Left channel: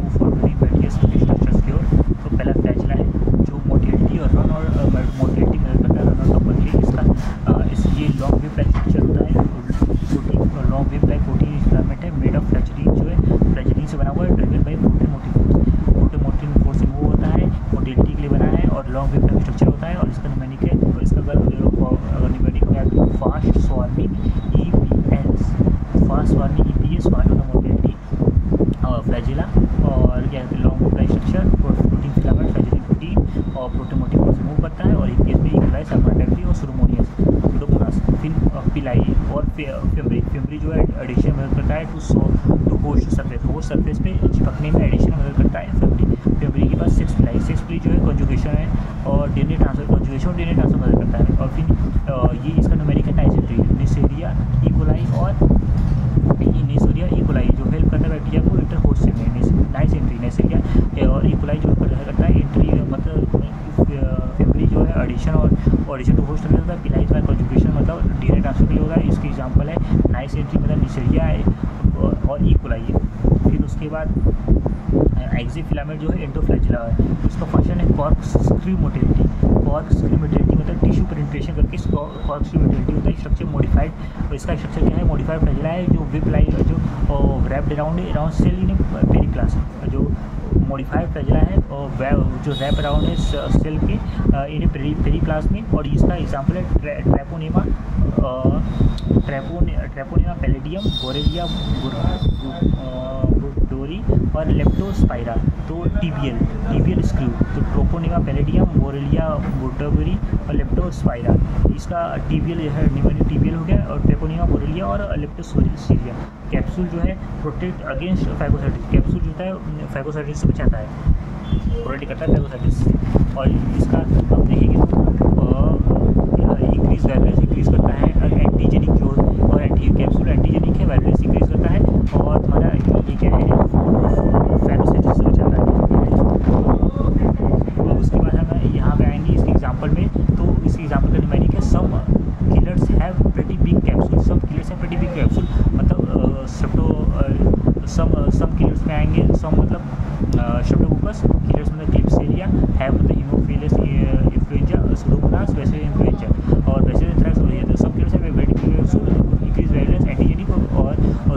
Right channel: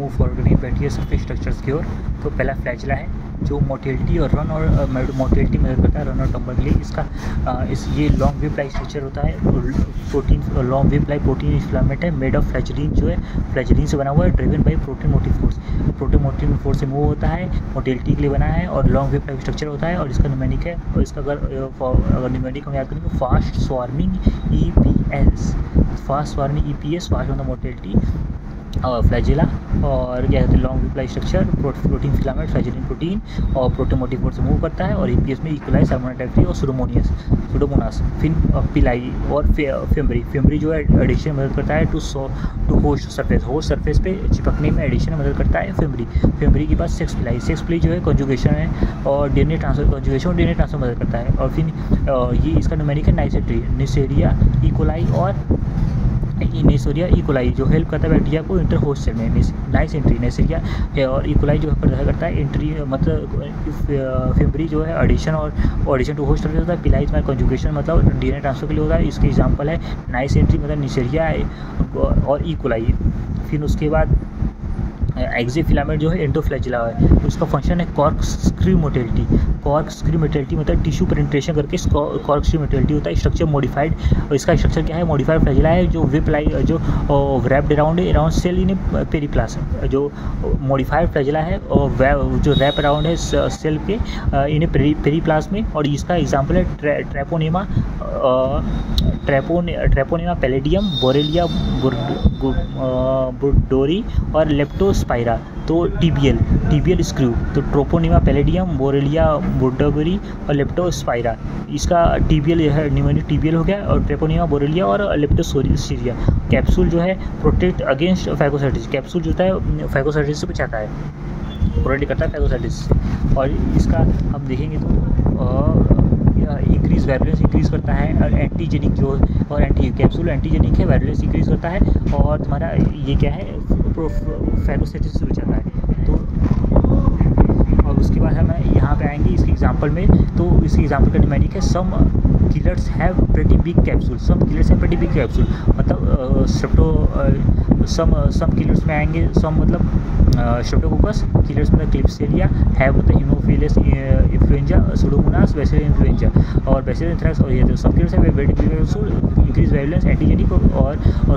Move forward करेंगे बैठिए surface structures की ओर। तो पहला फ्लैजिला है जो मोटिलिटी और रन और मोटिलिटी मदद करता है रन और कंपन के लिए। इसका ये लॉन्ग वेव लाइक स्ट्रक्चर होता है। Protein long wave like protein filament है मेड ऑफ फ्लैजिलीन, जो है फ्लैजिलीन से बना हुआ है, driven by protein motive force. Protein motive force से मूव होता है, मोटिलिटी के लिए बना है और लॉन्ग वेव लाइक स्ट्रक्चर होता है। और इसका न्यूमेरिक है, और इसका अगर न्यूमेरिक हम याद करें fast swarming EPS, fast swarming EPS, fast होता है मोटिलिटी फ्लैजिला, और क्या कहते हैं long wave like structure protein filament flagellin protein और प्रोटीन मोटिव फोर्स से मूव करता है। और EPS में इक्वलाइज सर्मोडाइफ्री और सुडोमोनास। फिर पिलाई और फिम्बरी जो है एडिशन मदद करता है टू होस्ट सरफेस पे चिपकने में एडिशन मदद करता है फिम्बरी के पास सेक्स पिलाई जो है कंजुगेशन है और DNA ट्रांसफर कंजुगेशन और DNA ट्रांसफर मदद करता है। और फिर ये इसका न्यूमेरिक है नाइसेंट्री, नेसेरिया इकोलाई और नेसेरिया इकोलाई जो हेल्प करता है बैक्टीरिया को इंटर होस्ट से में। नाइसेंट्री नेसेरिया और इकोलाई जो करता है इंट्री, मतलब फिम्बरी जो है एडिशन और एडिशन टू होस्ट होता है। पिलाई जो कंजुगेशन मतलब DNA ट्रांसफर के लिए होता है। इसके एग्जांपल है नाइसेंट्री मतलब नेसेरिया और इकोलाई। फिर उसके बाद एक्सियल फिलामेंट जो है एंडोफ्लैजिला है, उसका फंक्शन है कॉर्कस्क्रू मोटिलिटी। कॉर्कस्क्रू मोटिलिटी मतलब टिश्यू पेनिट्रेशन करके कॉर्कस्क्रू मोटिलिटी होता है। स्ट्रक्चर मॉडिफाइड, इसका स्ट्रक्चर क्या है मॉडिफाइड फ्लैजिला है जो विप लाइक जो रैप्ड अराउंड सेल इन पेरिप्लाज्म, जो मॉडिफाइड फ्लैजिला है और जो रैप अराउंड है सेल के इन पेरिप्लाज्म में। और इसका एग्जाम्पल है ट्रेपोनेमा पैलेडियम, बोरेलिया बुर्डोरी और लेप्टोस्पाइरा। तो टीबियल स्क्रू, तो ट्रोपोनेमा पैलेडियम, बोरेलिया बुर्डोरी और लेप्टोस्पाइरा। इसका टीबियल है न्यूमेरिक टीबियल हो गया, और ट्रेपोनेमा बोरेलिया और लेप्टोस्पाइरा। कैप्सूल जो है प्रोटेक्ट अगेंस्ट फैगोसाइटिस, कैप्सूल जो होता है फैगोसाइटिस से बचाता है, प्रोटेक्ट करता है फैगोसाइटिस। और इसका हम देखेंगे तो इंक्रीज वायलेंस इंक्रीज करता है, और एंटीजेनिक जो और कैप्सूल एंटीजेनिक है, वायलेंस इंक्रीज करता है और तुम्हारा ये क्या है फैगोसाइटिस से बचाता है। तो अब उसके बाद हम यहाँ पे आएंगे इसके एग्जांपल में। तो इसके एग्जांपल का न्यूमेरिक है some killers have pretty big capsule, some killers have pretty big capsule मतलब सम किलर्स में आएंगे। सम मतलब स्ट्रेप्टोकोकस, किलर्स मतलब क्लिप्सेलिया, हैव मतलब haemophilus influenza, pseudomonas bacillus influenza और बैसिलस एंथ्रैक्स। और ये सब किलर्स है pretty big capsule, increase virulence antigenic और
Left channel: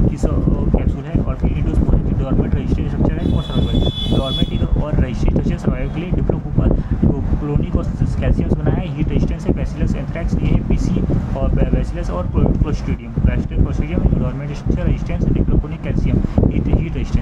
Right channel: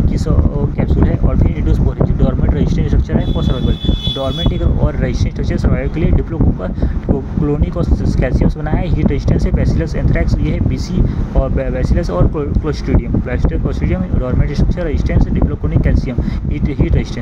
किस कैप्सूल है। और फिर इंडोस्पोरिक डोरमेंट रेजिस्टेंट स्ट्रक्चर है फॉर सर्वाइवल, डोरमेंट और रेजिस्टेंट स्ट्रक्चर सर्वाइवल के लिए डिप्लोक्लोनिक और कैल्शियम से बना है। हीट रेजिस्टेंस है बैसिलस एंथ्रैक्स, ये है BC और बैसिलस और clostridium dormant structure resistance dipicolinic calcium heat resistance.